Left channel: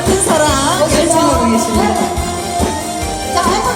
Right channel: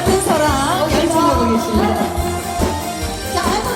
같은 사랑 열심히 하고 계십니다. 자,